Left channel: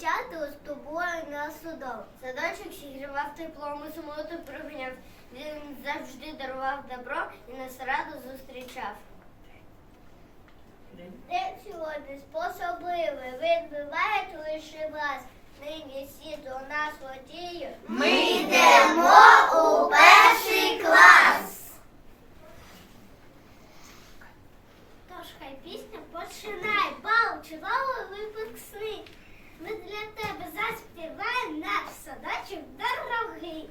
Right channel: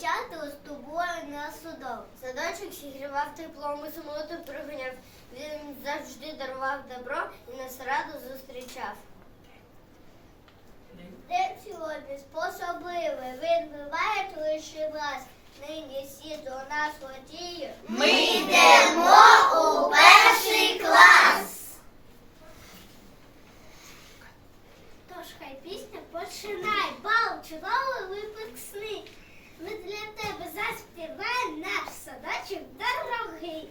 шкоду з тобою на судов. Садочок зігрівав теплом і самоту приганяв. Він завжди дарував добро і нас радо зустрічав. День сьогодні способливий, він буває лише вас. Нині всі до нас водіє. Ми йдемо у перший клас. Тож хай пісня починай. Бал, чудовий випускний. Ми для тебе заспіваємо наш садочок дорогий.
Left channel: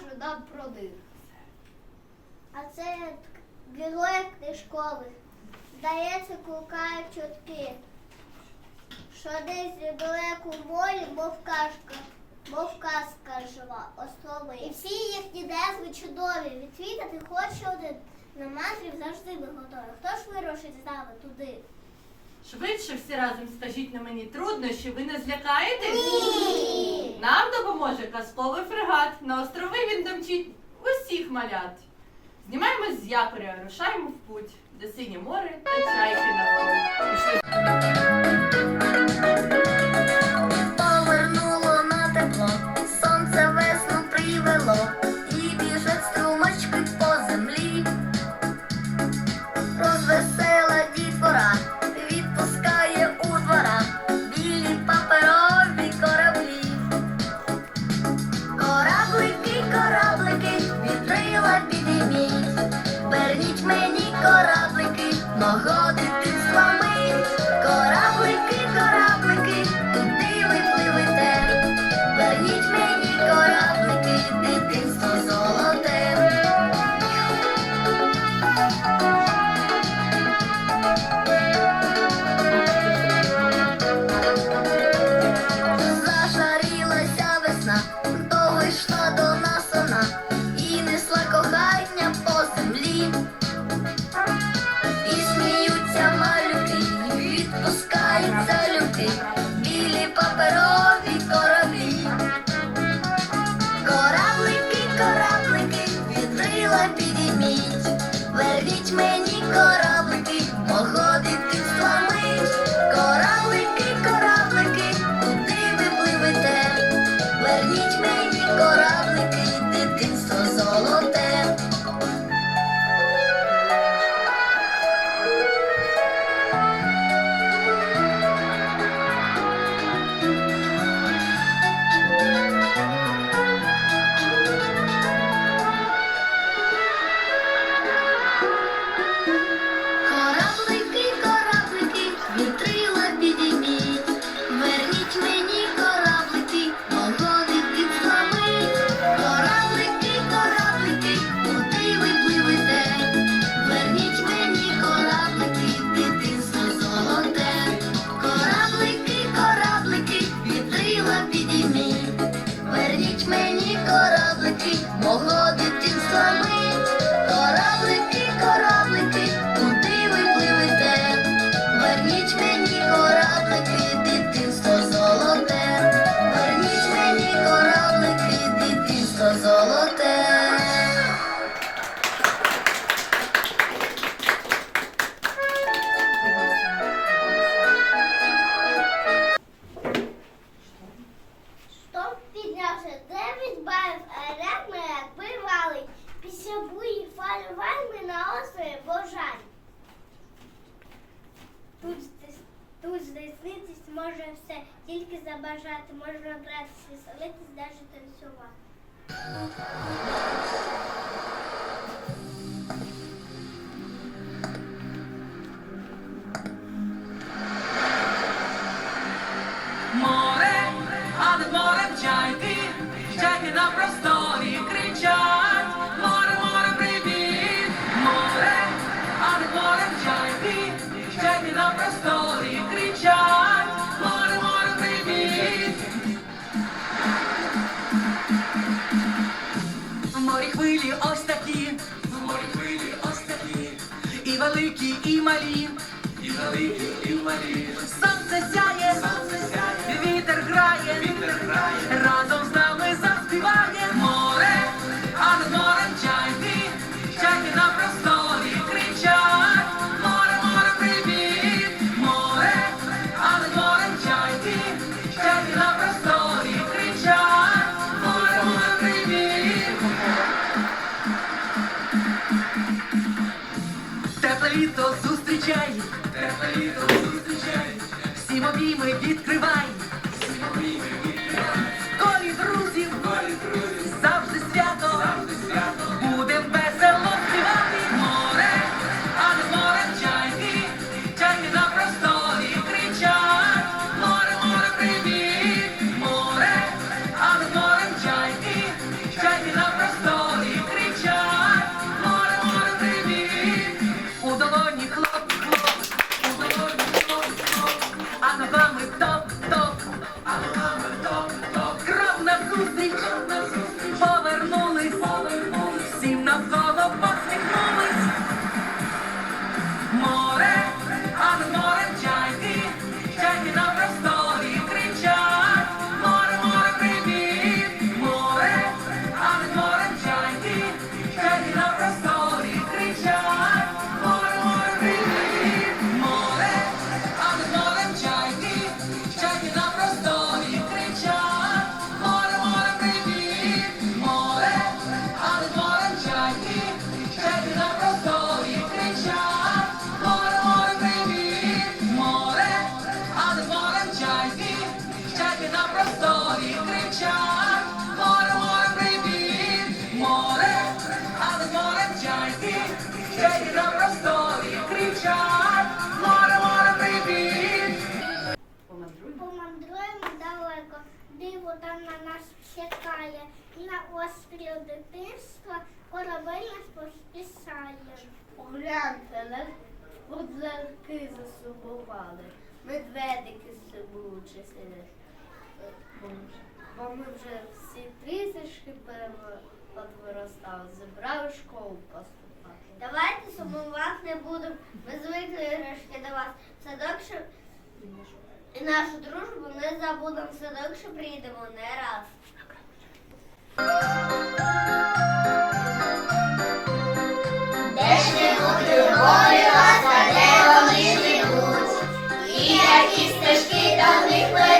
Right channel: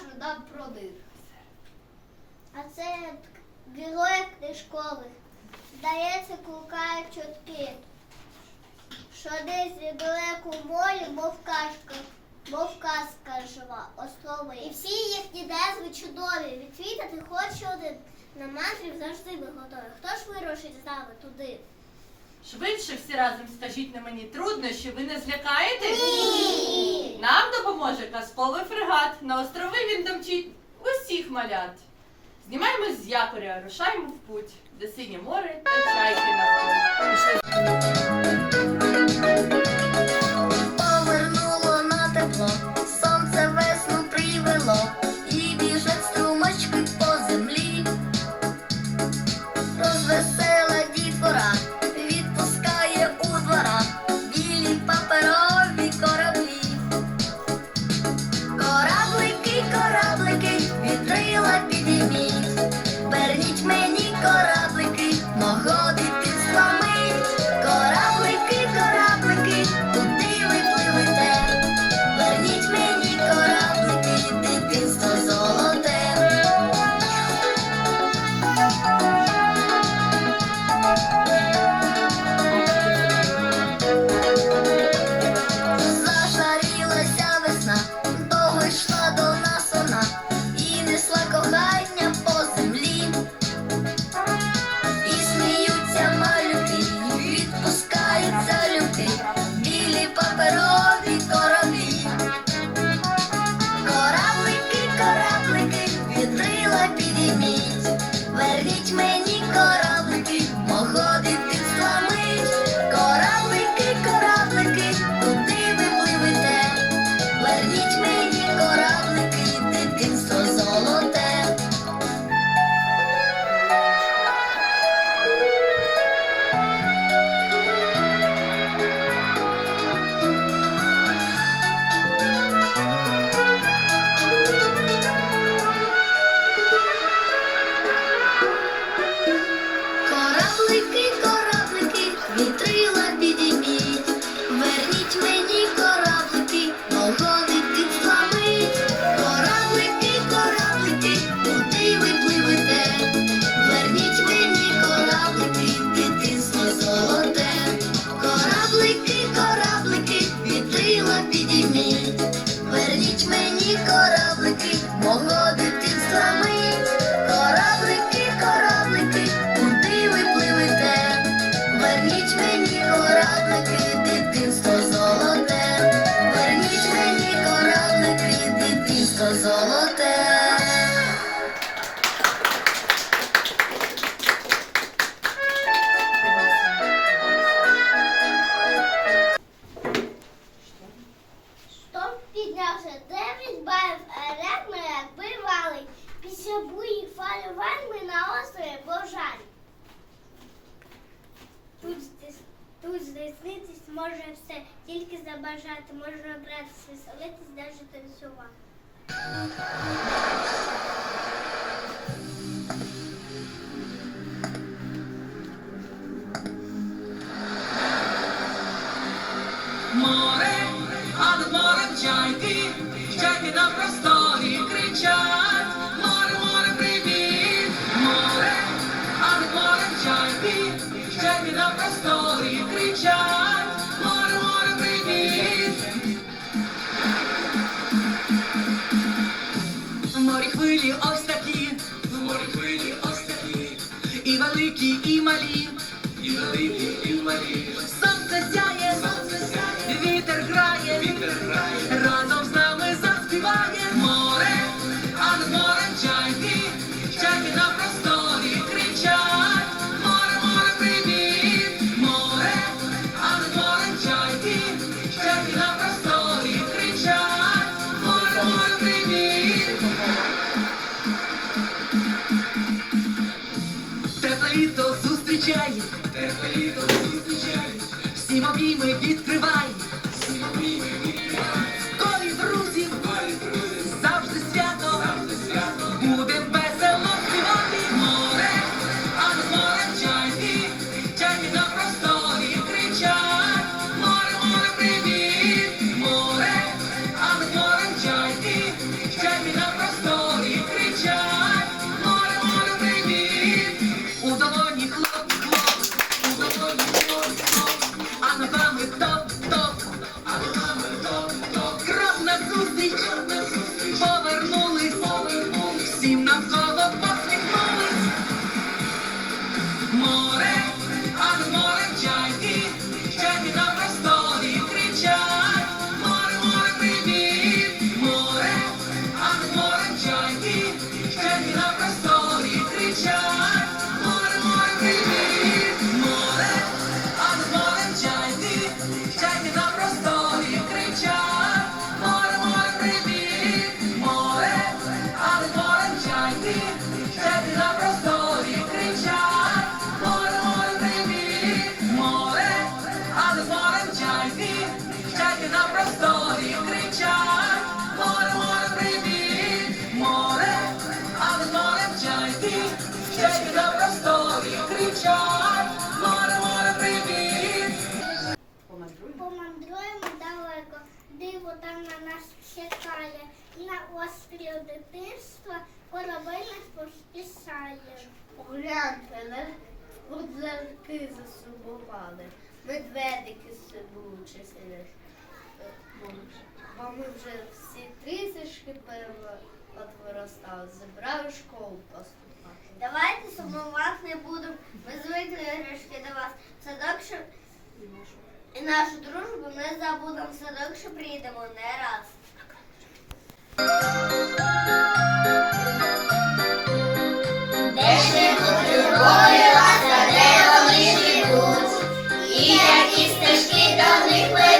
Розкажуть нам про. А це герої книжкових. Здається, клукають чутки, що десь недалеко в морі, мов казка, мов казка жива, острови. І всі їхні назви чудові. Відвідати хоч один. На мандрів завжди ми готові. Хто ж вирушить з нами туди? Швидше всі разом скажіть на мені труднощі, ви не злякаєтесь? Ні! Нам допоможе казковий фрегат. На острови він домчить усіх малят. Знімаємось з якоря, рушаємо в путь, де синє море та чайки на Пішли. Море, а над морем чайки, чайки на просторі кричать. і малі, і великі, і малі. Сонце сяє. літо зустрічає, тебе літо зустрічає, всім обійми відкривай, всі обійми. Там на нас чекає. На острові дитинства корабель нас поспішає. Погляньте, не кудлярки засумували, медведики з собою чисили. Бо ми вже всі трішечки виростали, зібрали в школу поступати. Давайте сумувати не будемо. Ми звикли грішки до вас. Садок, що і нашу дружбу не забудемо. Садок, що приїдемо не раз. Де живуть любові ласка, де вони живуть, і які стежки до них ведуть.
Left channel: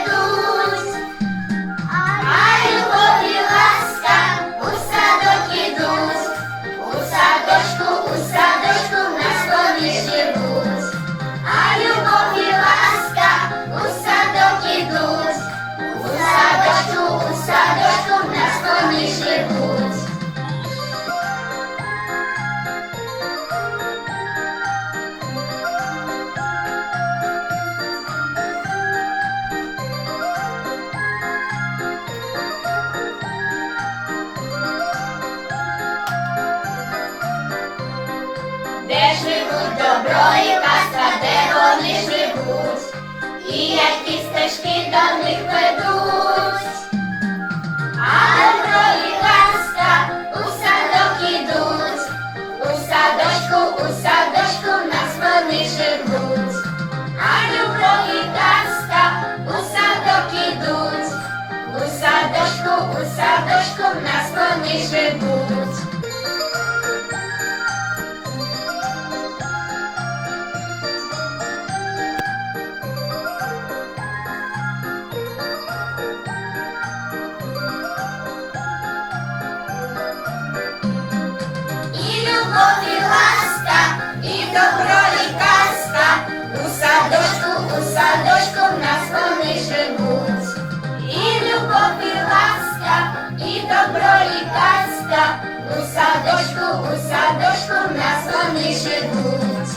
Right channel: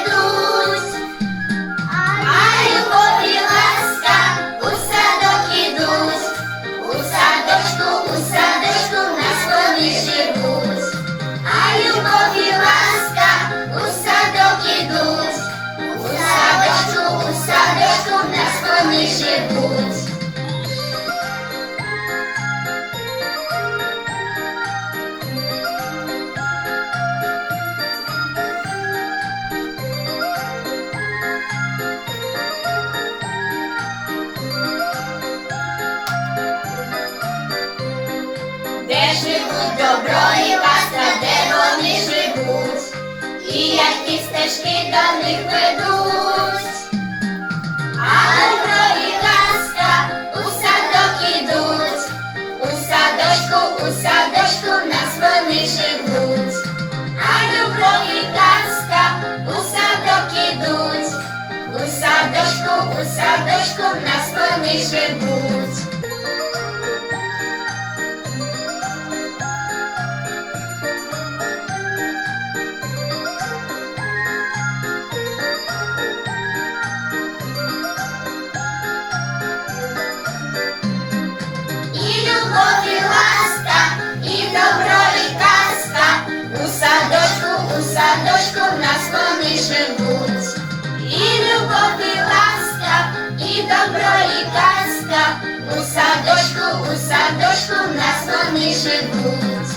Добро, і казка, у садочку, у садочку в нас вони живуть.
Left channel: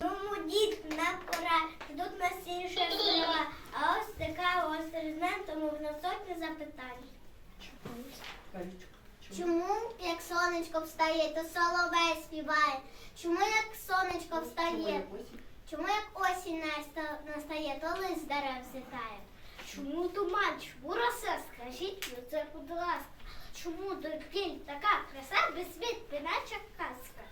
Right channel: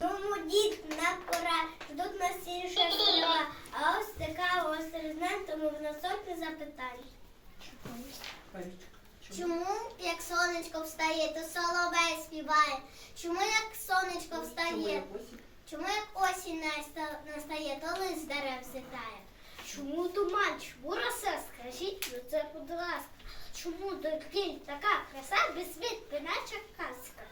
Тому дід не пора, ждуть нас інша стріла. А ось така ось резидент, тому в нас сотні запитань. Чому, як сонечко встає, то соловей співає? Чому як сонечко встає? Чому як осінь з дерев зітає? Чому туман, чому роса? Скажіть ви це, будь ласка. Чому докінь така краса без світ, наче казка?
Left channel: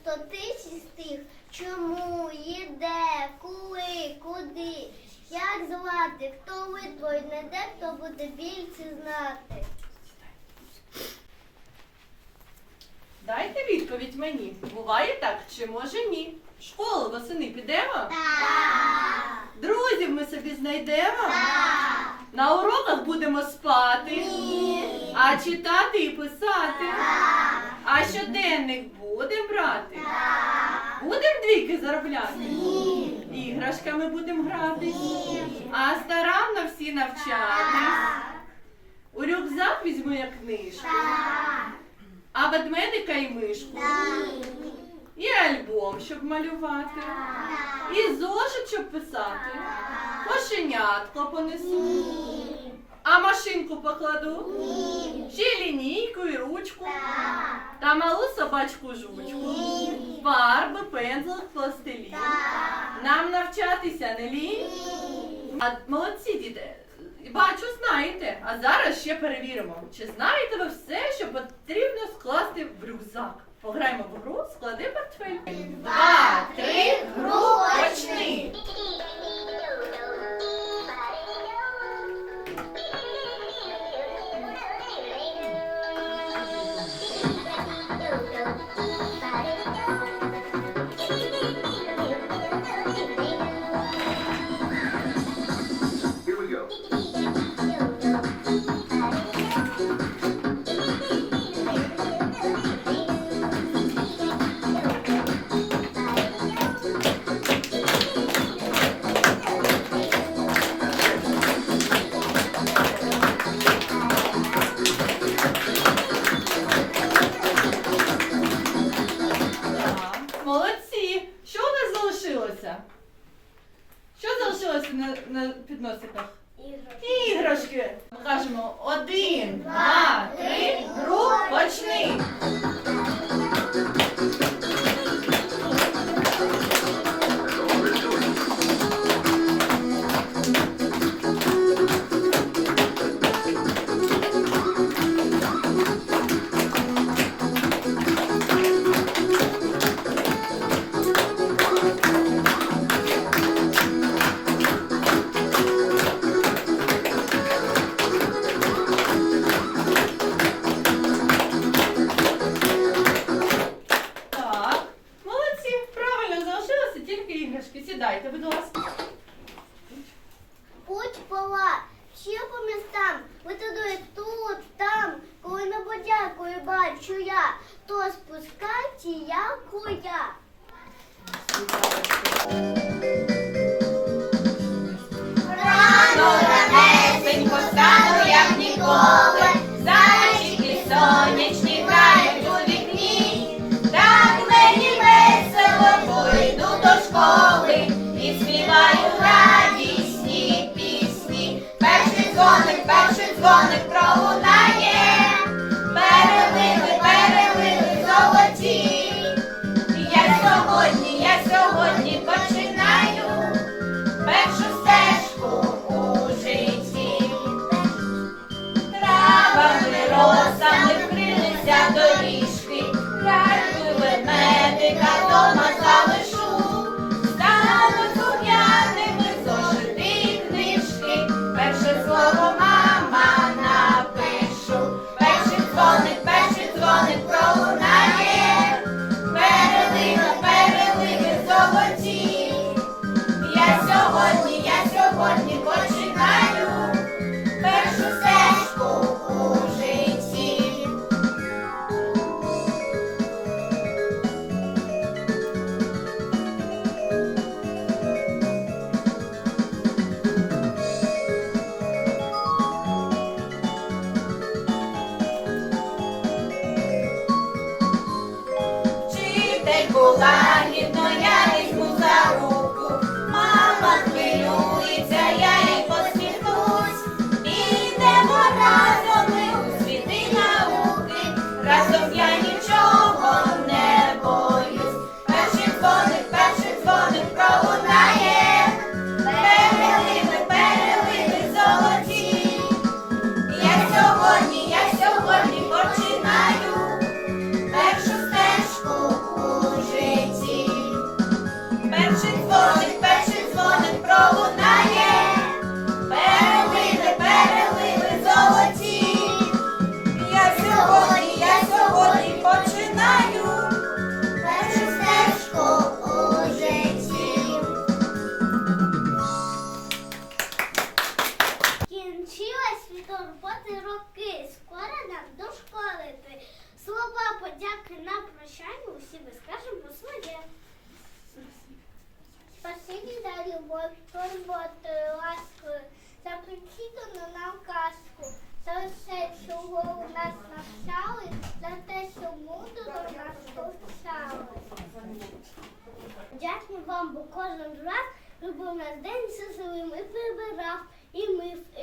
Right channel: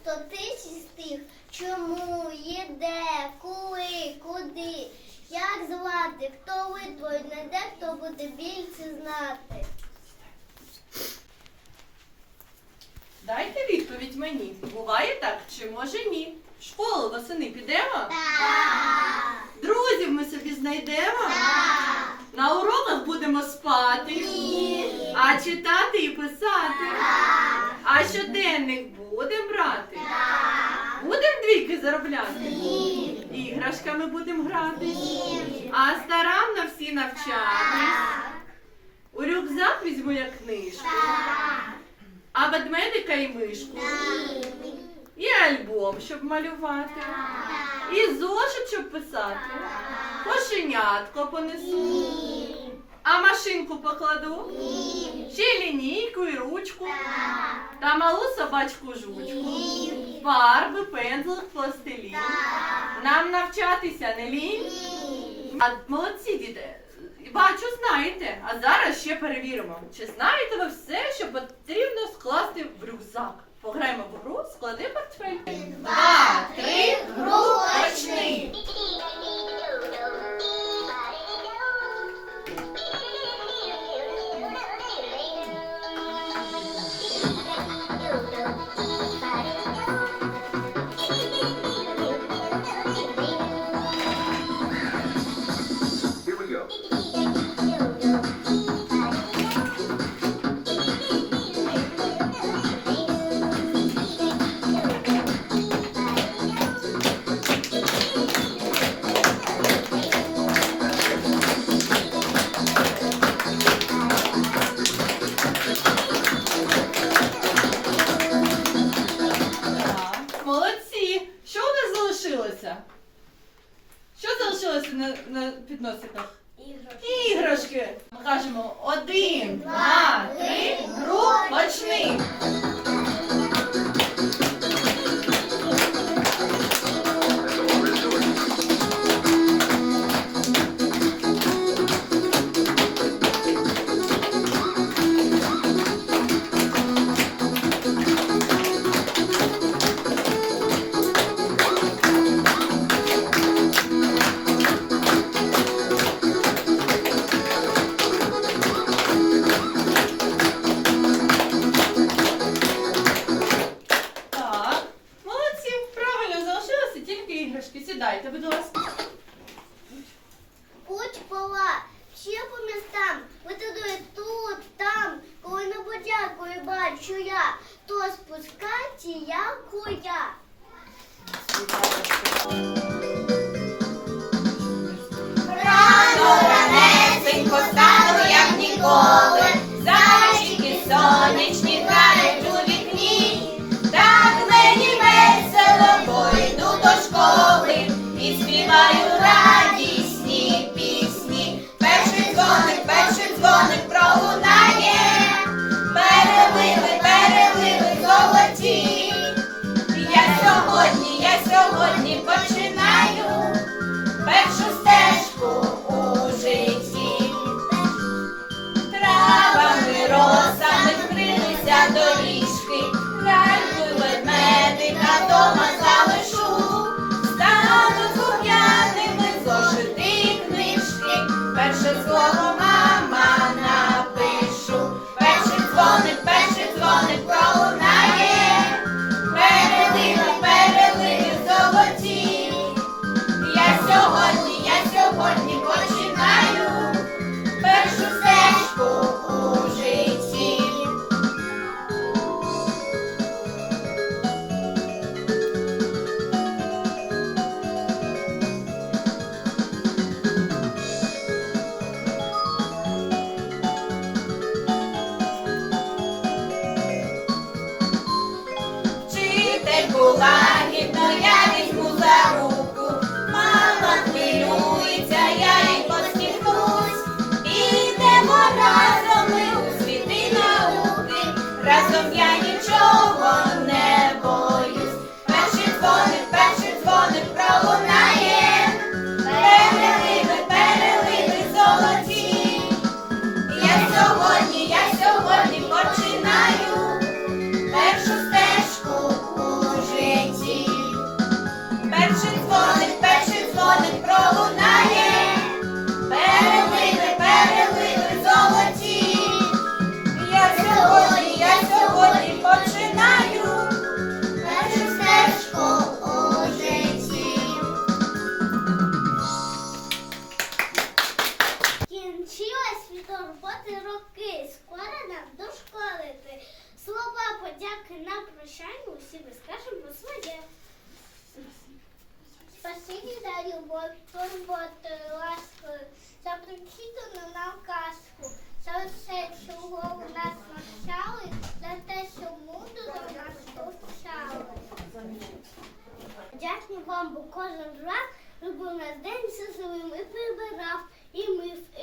Сто тисяч з тих, чому, їде, коли, куди, як звати, хто витворить, не де, хто буде більше знати. Дайте відповідь мені. Буває так чи може ні? В школу восени підемо? Друзів ми собі знайдемо? На уроках будемо спати? А читати і писати? А щоденник будемо брати? Будемо двійки заробляти? Іграшками будемо грати? А старанно всі навчатись? У рюкзак візьму я книжку, а ведмедика і мишку, і альбом, щоб малювати, і зошит, щоб писати, кошенятко понесу, а машинку покладу, ще лінійку і ручку, та малу собачку жучку, фарби, пензлик, пластилін. Нам навчатися не лінь. А молодці, діти. Бачу, знаєте. А зараз ще перевіримо, чи знаєте ви все, що потрібно скласти в рюкзак. Пограємо в гру, склади портфель. Два, три, гру почни.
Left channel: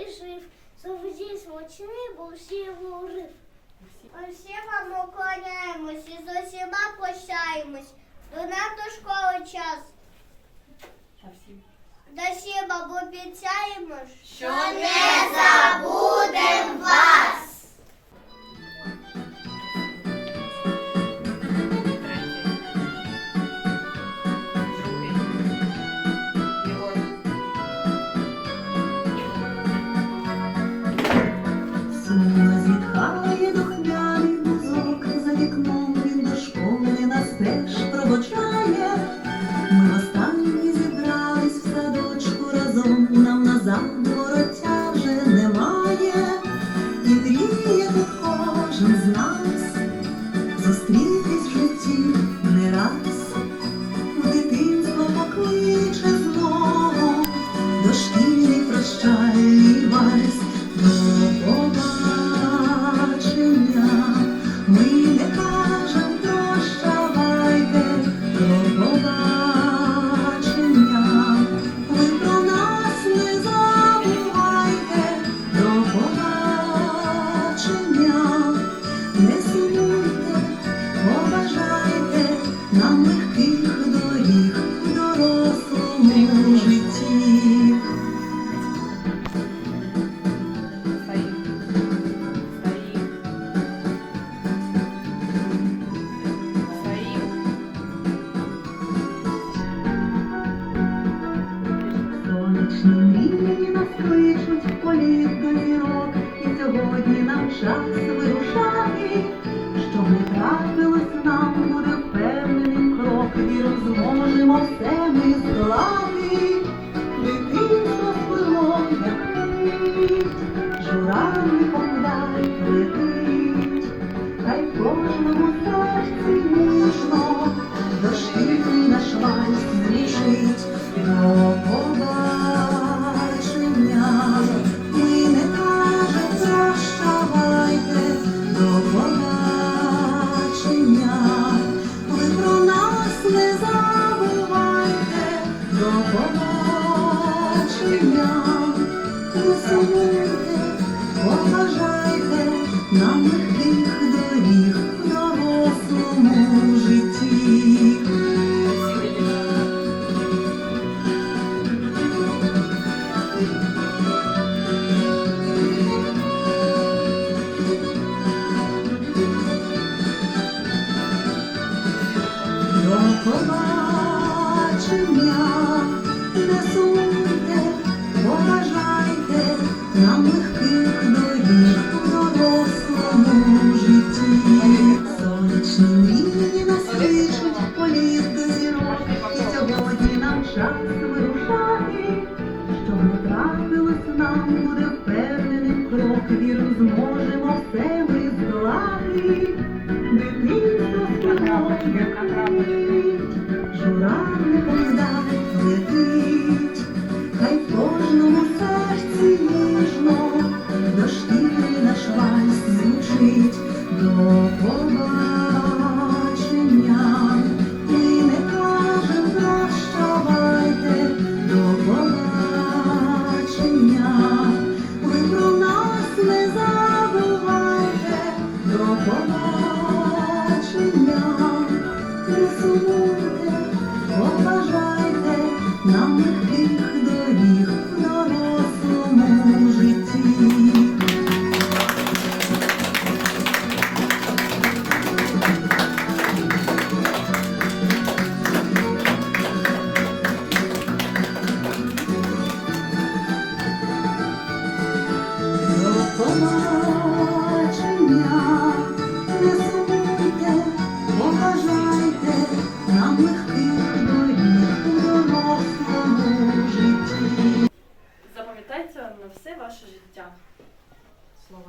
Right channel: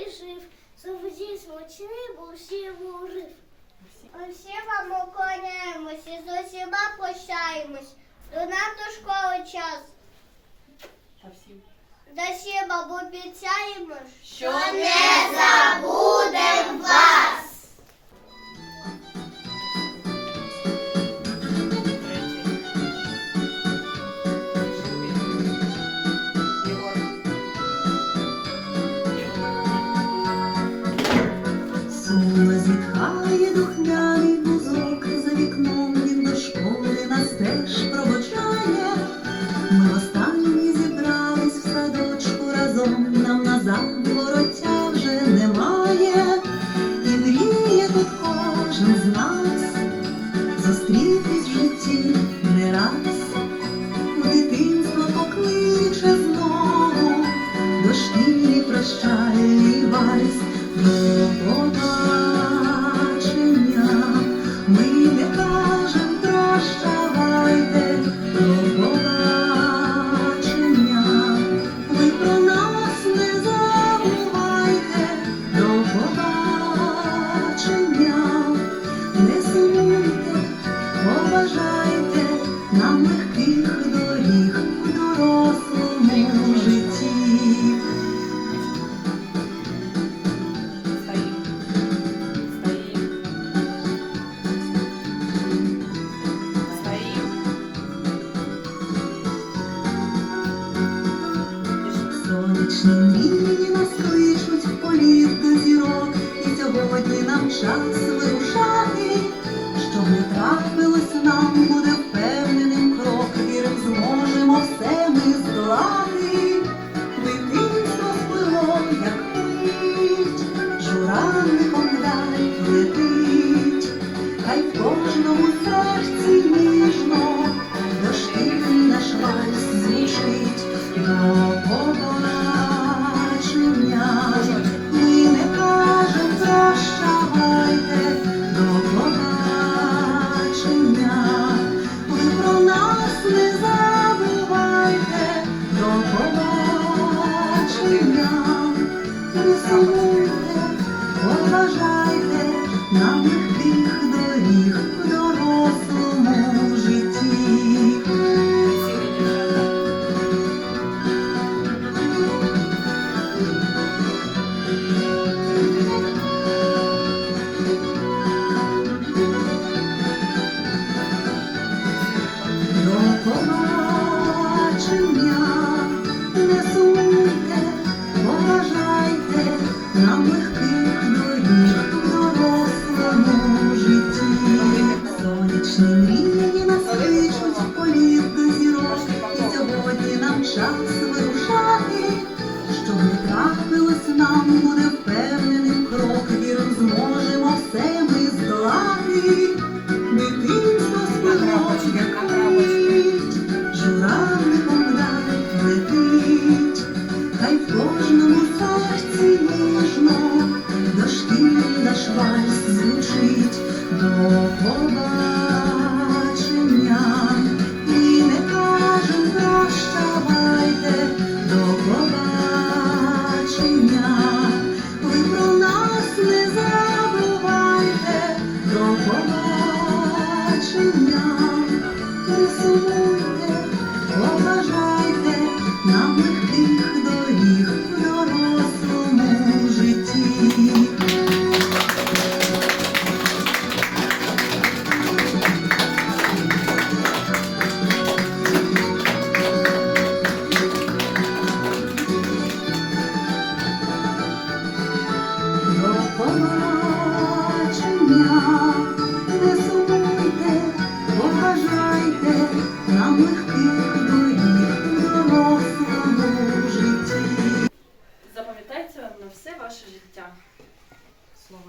жив, завжди смачний, бо всі урив. Усі вам уклоняємось і з усіма прощаємось. До нас до школи час. До всім обіцяємо, що не забудемо вас.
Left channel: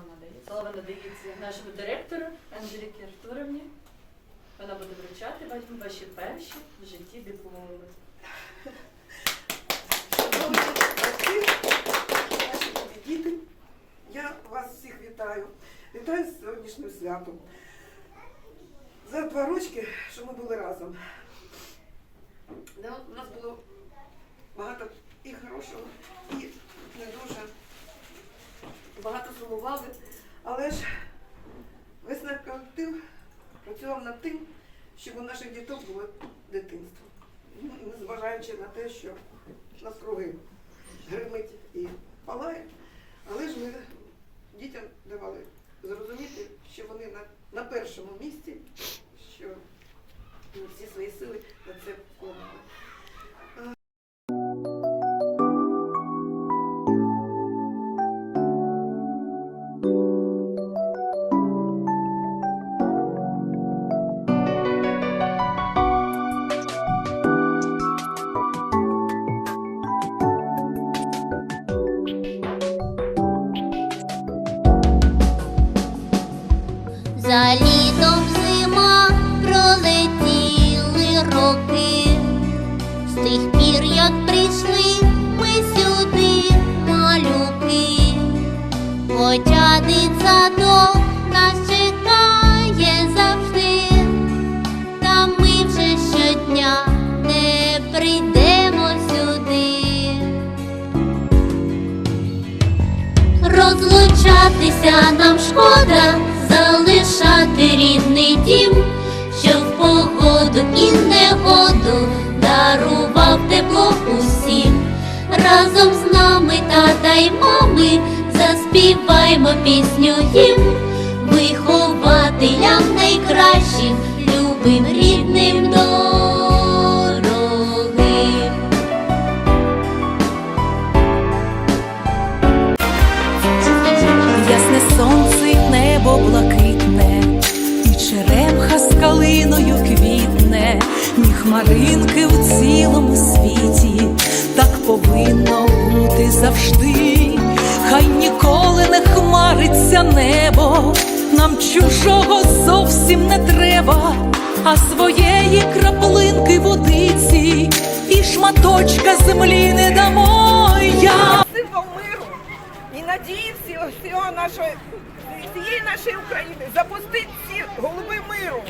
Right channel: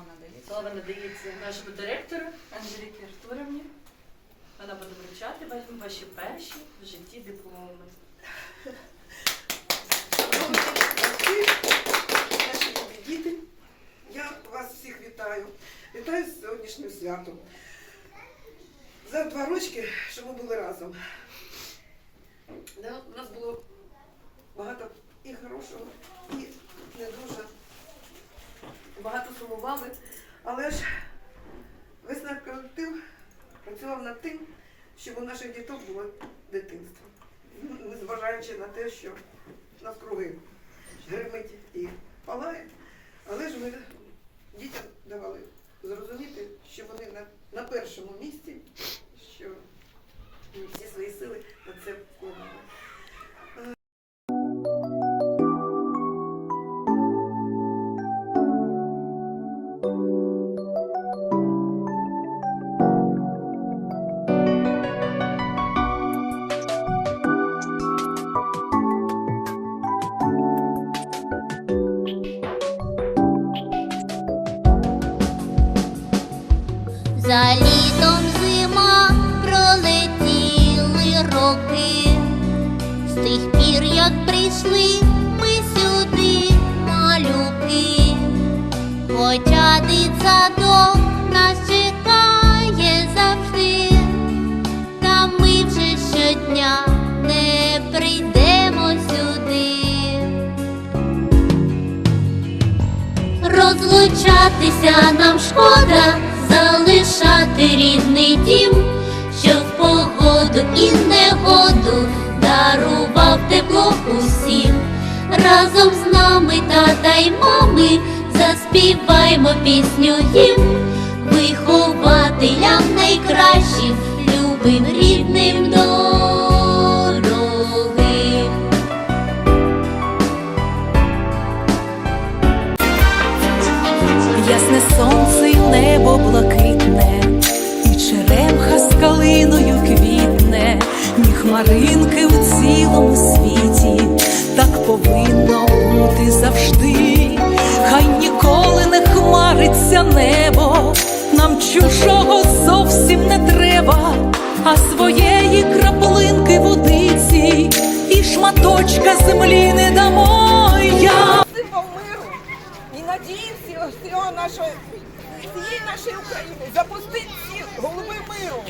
Слава надається. Слава надається нашому директору Анжеліки Артуровні. Вона буде вручати вам ваші перші в житті дипломи. Діти, я вас всіх вітаю. Вітаю з сьогоднішнім святом. За два рочки, що ми були разом. У нас було багато і хорошого, і не дуже багато сумували. Але ж весна колектив працював над тим, щоб у наших діток було дитинство. Ну, незважаючи на те, що нас круги гримить і палає. Але ж ми дітям давали зрозуміти, що вони на, на першому місці, що всі свої сили на це вкладали. Мати рідний дім, що в погоду і негоду дарував тепло усім. Разом з нами, тата й мами, заспіваймо пісню їм, вихователям найкращим, любим рідним дорогим. Ясне сонце, небо з калиною квітне, ні хмаринки у цілому світі, так повинно бути завжди. Хай ніколи не хмариться небо, нам чужого зовсім не треба, а своєї краплинки водиці і шматочка землі не дамо. Я і надії всього, нашої, всієї нашої України. Запустить ці голуби миру.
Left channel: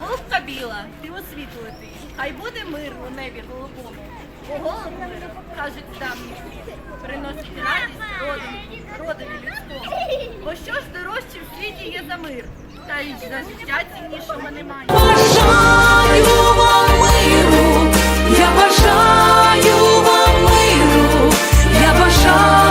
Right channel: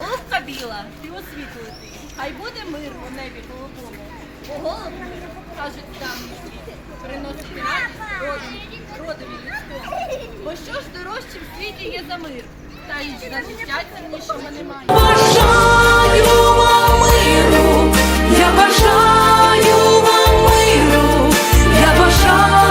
Луска біла, ти освітлити. Хай буде мир у небі голубому. Бо голуб мир, кажуть давній світ, приносить радість родові, родові людському. Бо що ж дорожче в світі є за мир? Та й за життя немає. бажаю вам миру, я бажаю вам миру, я бажаю.